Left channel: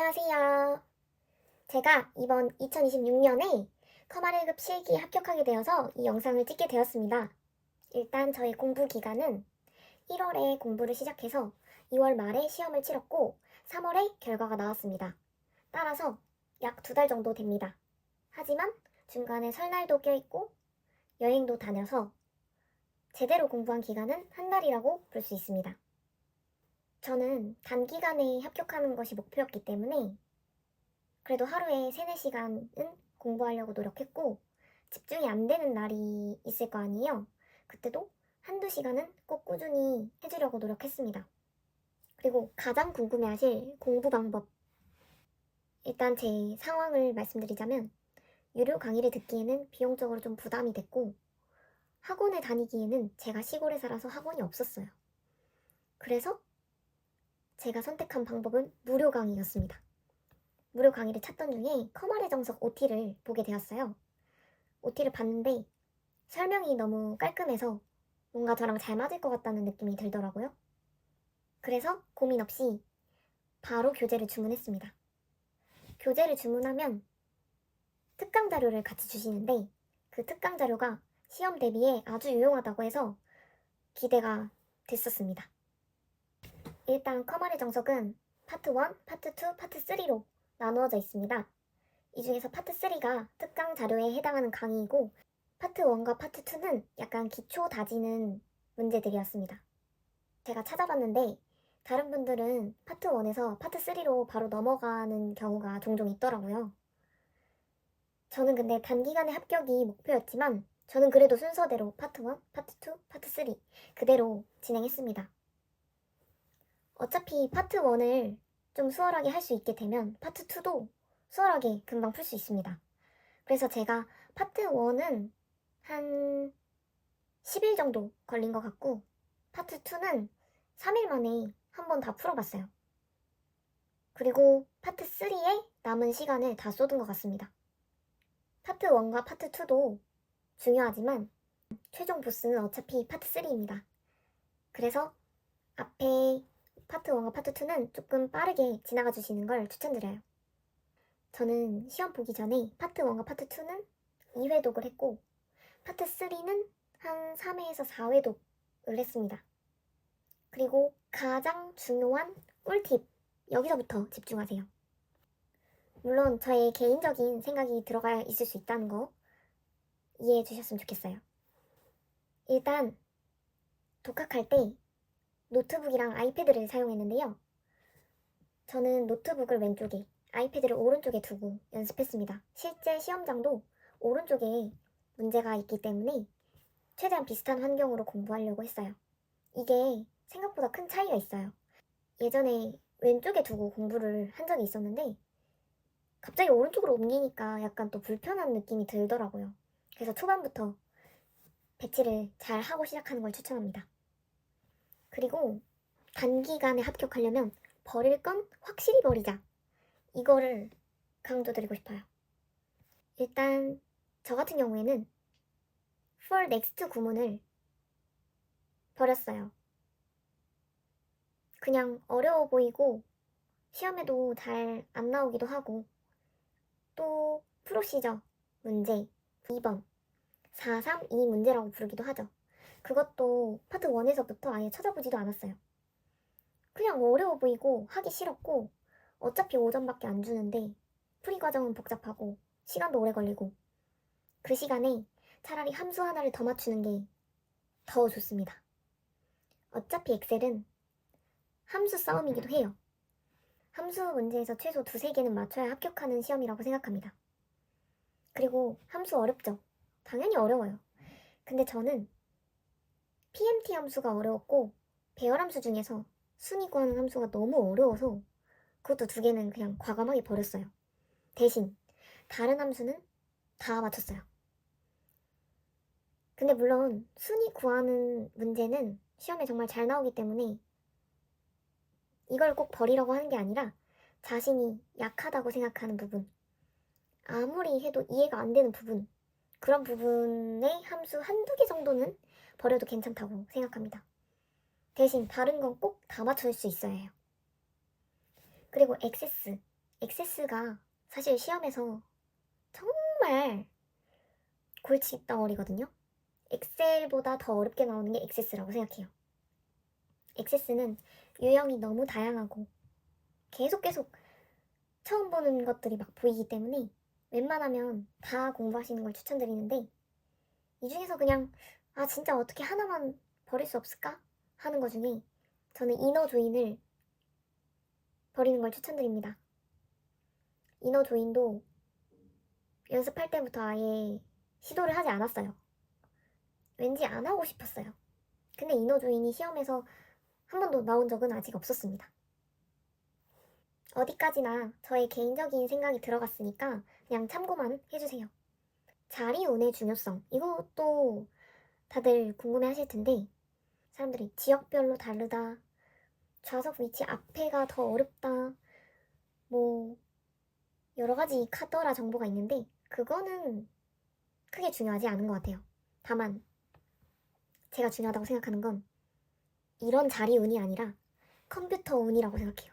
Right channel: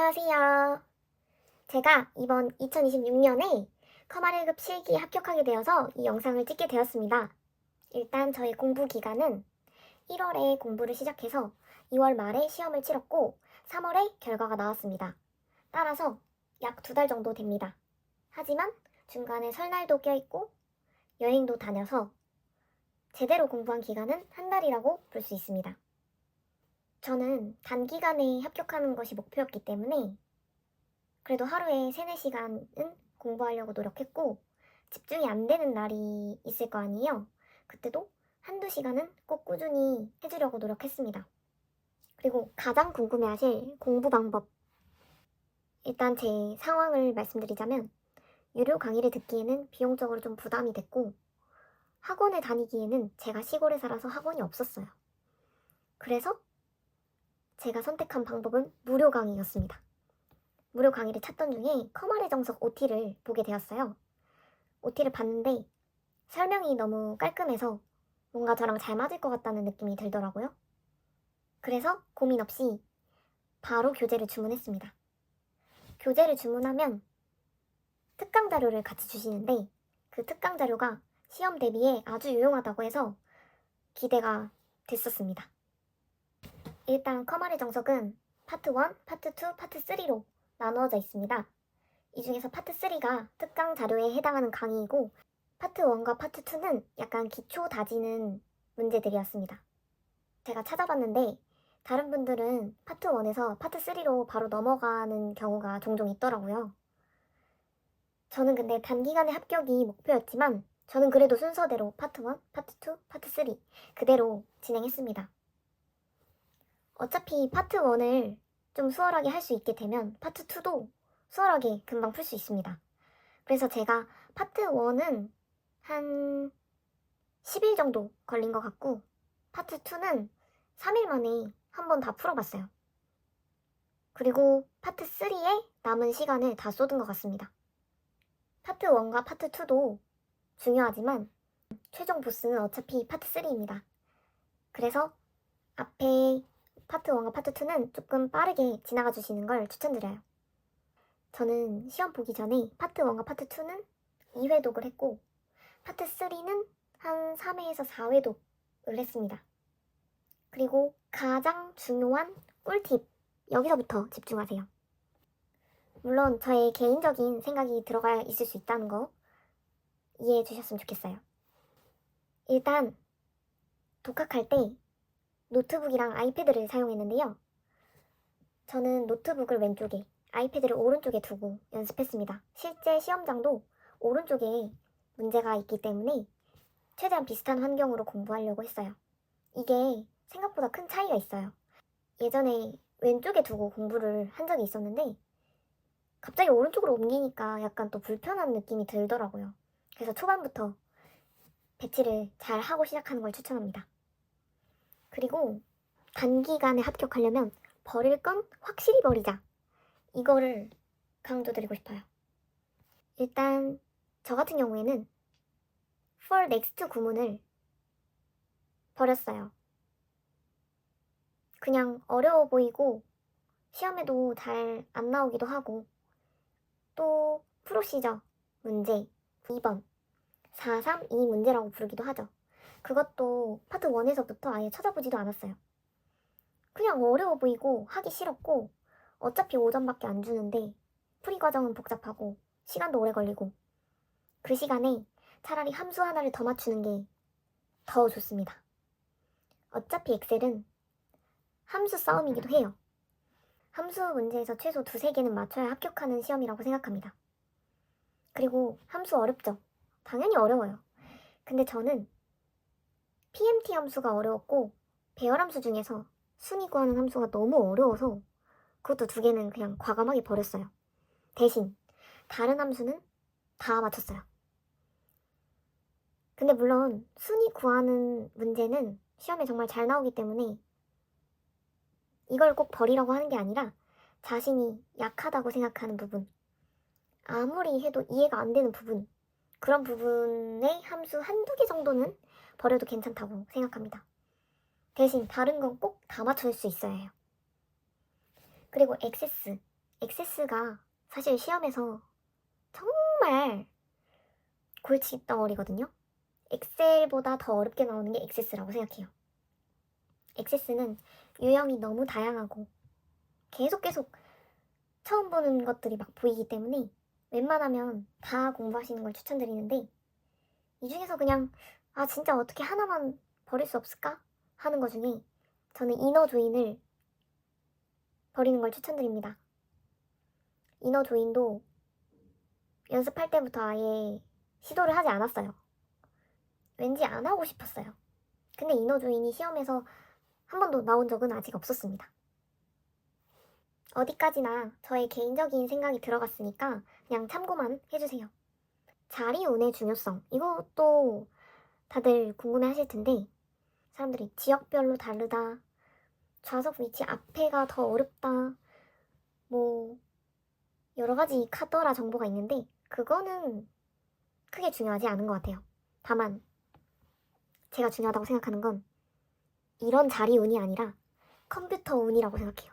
안녕하세요. 제가 이번 2026년에 커말 1급 실기에 합격하게 되어서 이 영상을 찍게 되었습니다. 일단 저의 공부 기간은 1월에 공부를 시작해서 2월 말에 시험을 치렀고 3월에 결과가 나왔습니다. 따라서 약 2달 정도 됩니다. 하지만 중간에 설날도 껴있고 여행도 다녀서 제대로 공부한 기간은 한 달이라고 볼 수 있습니다. 저는 단기간에 합격하는 것이 목표였기 때문에 그래도 하루에 3, 4시간은 공부하려고 노력했고 집중이 안 되는 날이 있을 거 아니에요. 그때도 한두 시간은 꼭 꾸준히 해주려고 노력했습니다. 그리고 가장 궁금해하실 공부 방법. 일단 제 상황을 말씀드리자면 유료 강의를 듣기에는 비용적으로 좀 부담이 됐고 학원에 다니기에는 제가 시골에 살아서 학원이 없었어요. 그래서 제가 선택한 방법은 무료 강의였습니다. 무료 강의를 찾던 중에 커말의 정석 OT를 보게 되었어요. OT를 봤는데 설명이 너무 깔끔해서 뭔가 저랑 잘 맞을 것 같다는 느낌이 들더라고요. 그래서 고민 없이 바로 교재를 주문했습니다. 교재를 주문하면 특강 자료를 같이 주시는데 그 특강 자료가 시험 대비에 아주 유용하다고 해서 기대가 됐었습니다. 일단 커말의 정석은 파트 1, 파트 2, 파트 3로 나누어져 있습니다. 이 중에서 파트 3가 특강 자료에 해당하는 강의이고 파트 1과 파트 2는 약간 기초 다지는 문제들이었습니다. 제가 찾아봤는데 다른 분들은 파트 1에서 파트 3로 바로 넘어가는 경우가 종종 있더라고요. 저는 근데 단기간에 합격이 목표였지만 저는 그래도 순서대로 파트 1, 파트 2, 파트 3 그대로 진행했습니다. 어차피 파트 1을 좀 수월하게 할 수 있게 되면 파트 2도 수월하게 금방 풀 수 있습니다. 그래서 제가 파트 1은 한 10일 정도 걸린 것 같고 파트 2는 3일 만에 한 번 다 풀어봤어요. 그리고 파트 3에 남은 시간을 다 쏟은 것 같습니다. 파트 1과 파트 2도 중요하지만 최종 보스는 어차피 파트 3입니다. 그래서 앞에 파트 1과 파트 2는 조금 빠르게 지나가 주시는 걸 추천드려요. 저는 시험 보기 전에 파트 1과 파트 2는 2회독을 했고 파트 3는 한 3회에서 4회독을 했습니다. 그리고 가장 중요한 꿀팁, 여기서부터 집중하세요. 물론 저의 개인적인 생각이 들어가 있을 수 있다는 거 이해해 주셨으면 좋겠어요. 일단 독학할 때 노트북이랑 아이패드를 사용했는데요. 저는 노트북을 왼쪽에, 아이패드를 오른쪽에 두고 연습했습니다. 실제 시험장도 오른쪽에 문제가 있기 때문에 최대한 비슷한 환경으로 공부하려고 했어요. 이게 생각보다 큰 차이가 있어요. 예전에 왼쪽에 두고 공부를 한 적이 있었는데 갑자기 오른쪽으로 옮기니까 약간 또 불편한 느낌이 들더라고요. 그래서 초반부터 배치를 잘 하고 시작하는 걸 추천합니다. 그리고 단기간에 합격하려면 버릴 건 확실히 버리자. 이거를 강조드리고 싶어요. 일단 저 같은 경우에는 for next 구문을 버렸어요. 그냥 어려워 보이고 시험에도 잘 안 나오기도 하고 또 프로시저 문제 2번 432 문제라고 부르기도 하죠. 그것도 파트 1에서부터 아예 찾아보지도 않았어요. 그냥 어려워 보이고 하기 싫었고 어차피 5점밖에 안 주는데 풀이 과정은 복잡하고 시간도 오래 걸리고 그 시간에 차라리 함수 하나를 더 맞추는 게 더 좋습니다. 어차피 엑셀은 함수 싸움이기도 해요. 함수 문제에서 최소 2, 3개는 맞춰야 합격하는 시험이라고 생각합니다. 그리고 함수 어렵죠? 당연히 어려워요. 근데 저는 PMT 함수가 어려웠고 배열함수 중에서 순위 구하는 함수가 너무 어려워서 그것도 2개는 그냥 과감하게 버렸어요. 대신 다른 함수는 다 맞췄어요. 근데 물론 순위 구하는 문제는 시험에 정말 잘 나오기 때문에 이걸 꼭 버리라고 하는 게 아니라 자신이 약하다고 생각하는 부분, 아무리 해도 이해가 안 되는 부분, 그런 부분의 함수 한두 개 정도는 버려도 괜찮다고 생각합니다. 대신 다른 건 꼭 다 맞출 수 있어야 해요. 그리고 액세스, 액세스가 사실 시험에서 정말 골치 덩어리거든요. 엑셀보다 더 어렵게 나오는 게 액세스라고 생각해요. 액세스는 유형이 너무 다양하고 계속 처음 보는 것들이 막 보이기 때문에 웬만하면 다 공부하시는 걸 추천드리는데, 이 중에서 그냥 진짜 어떻게 하나만 버릴 수 없을까 하는 것 중에 저는 이너 조인을 버리는 걸 추천드립니다. 이너 조인도 연습할 때부터 아예 시도를 하지 않았어요. 왠지 안 하고 싶었어요. 근데 이너 조인이 시험에서 한 번도 나온 적은 아직 없었습니다. 어디까지나 저의 개인적인 생각이 들어갔으니까 그냥 참고만 해주세요. 자리 운의 중요성, 이것도 다들 궁금해 하실 텐데, 사람들이 지역별로 다르다, 좌석 위치 앞에가 더 어렵다, 뭐 여러 가지 카더라 정보가 있는데 그거는 크게 중요하지 않은 것 같아요. 다만 제가 중요하다고 생각하는 건 이런 자리 운이 아니라 컴퓨터 운이라고 생각해요.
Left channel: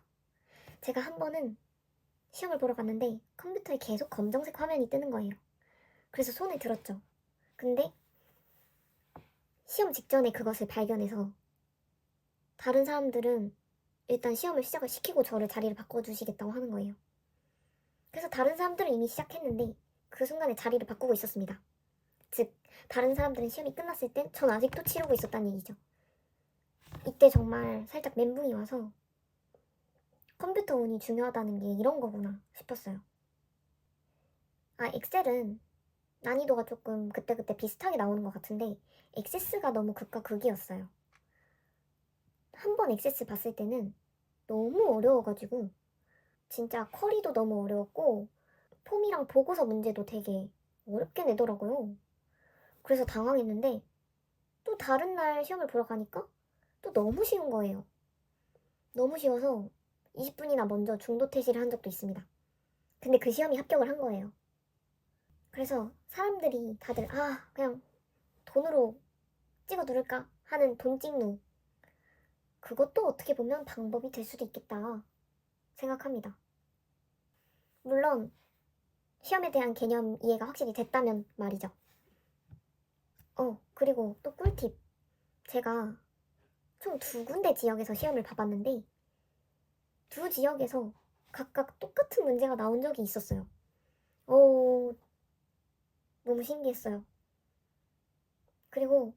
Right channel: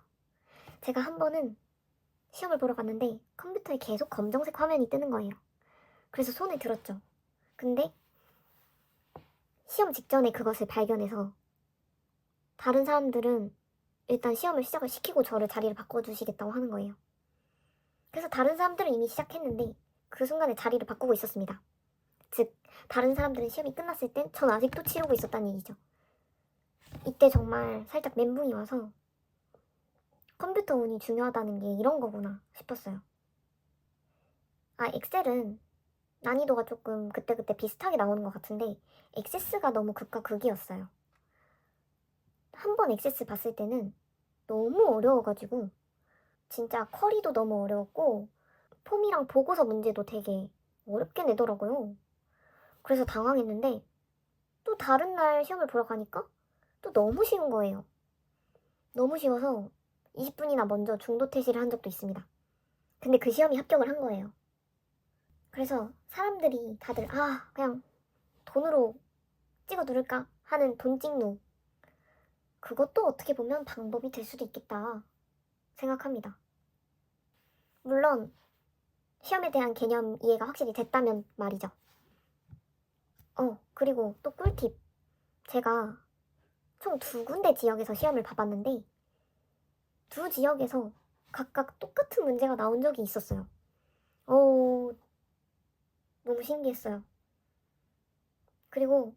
제가 한 번은 시험을 보러 갔는데 컴퓨터에 계속 검정색 화면이 뜨는 거예요. 그래서 손에 들었죠. 근데 시험 직전에 그것을 발견해서 다른 사람들은 일단 시험을 시작을 시키고 저를 자리를 바꿔주시겠다고 하는 거예요. 그래서 다른 사람들은 이미 시작했는데 그 순간에 자리를 바꾸고 있었습니다. 즉, 다른 사람들은 시험이 끝났을 땐 전 아직도 치르고 있었다는 얘기죠. 이때 정말 살짝 멘붕이 와서 컴퓨터 운이 중요하다는 게 이런 거구나 싶었어요. 엑셀은 난이도가 조금 그때그때 비슷하게 나오는 것 같은데 액세스가 너무 극과 극이었어요. 한 번 액세스 봤을 때는 너무 어려워가지고 진짜 쿼리도 너무 어려웠고 폼이랑 보고서 문제도 되게 어렵게 내더라고요. 그래서 당황했는데 또 다른 날 시험을 보러 가니까 또 너무 쉬운 거예요. 너무 쉬워서 20분이나 먼저 중도 퇴실을 한 적도 있습니다. 근데 그 시험이 합격을 한 거예요. 그래서 사람들이 다들 그냥 돈으로 찍어 누를까 하는 돈 찍누, 그것도 어떻게 보면 방법이 될 수도 있겠다 생각합니다. 물론 시험에 대한 개념 이해가 확실히 됐다면 말이죠. 그리고 또 꿀팁. 제가 총 2군데 지역에서 시험을 봐봤는데 두 지역에서 각각 똑같은 문제가 나온 적이 있었어요. 너무 신기했어요. 그리고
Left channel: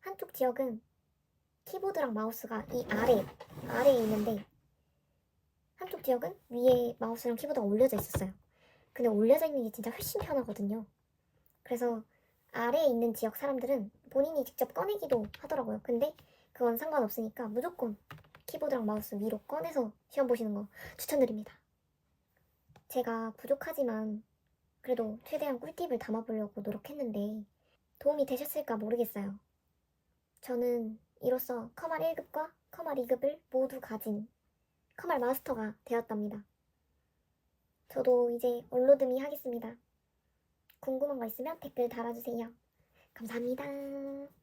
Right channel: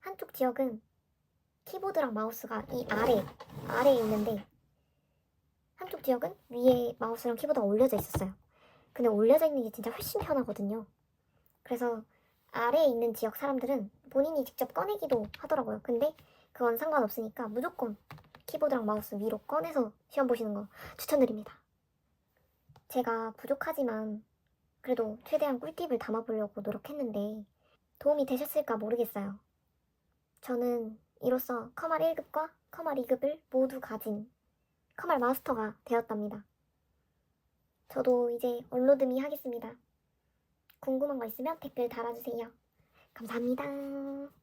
한쪽 지역은 키보드랑 마우스가 이 아래에 있는데 한쪽 지역은 위에 마우스랑 키보드가 올려져 있었어요. 근데 올려져 있는 게 진짜 훨씬 편하거든요. 그래서 아래에 있는 지역 사람들은 본인이 직접 꺼내기도 하더라고요. 근데 그건 상관없으니까 무조건 키보드랑 마우스 위로 꺼내서 시험 보시는 거 추천드립니다. 제가 부족하지만 그래도 최대한 꿀팁을 담아보려고 노력했는데 도움이 되셨을까 모르겠어요. 저는 이로써 커말 1급과 커말 2급을 모두 가진 커말 마스터가 되었답니다. 저도 이제 얼로드미 하겠습니다. 궁금한 거 있으면 댓글 달아주세요. 감사합니다.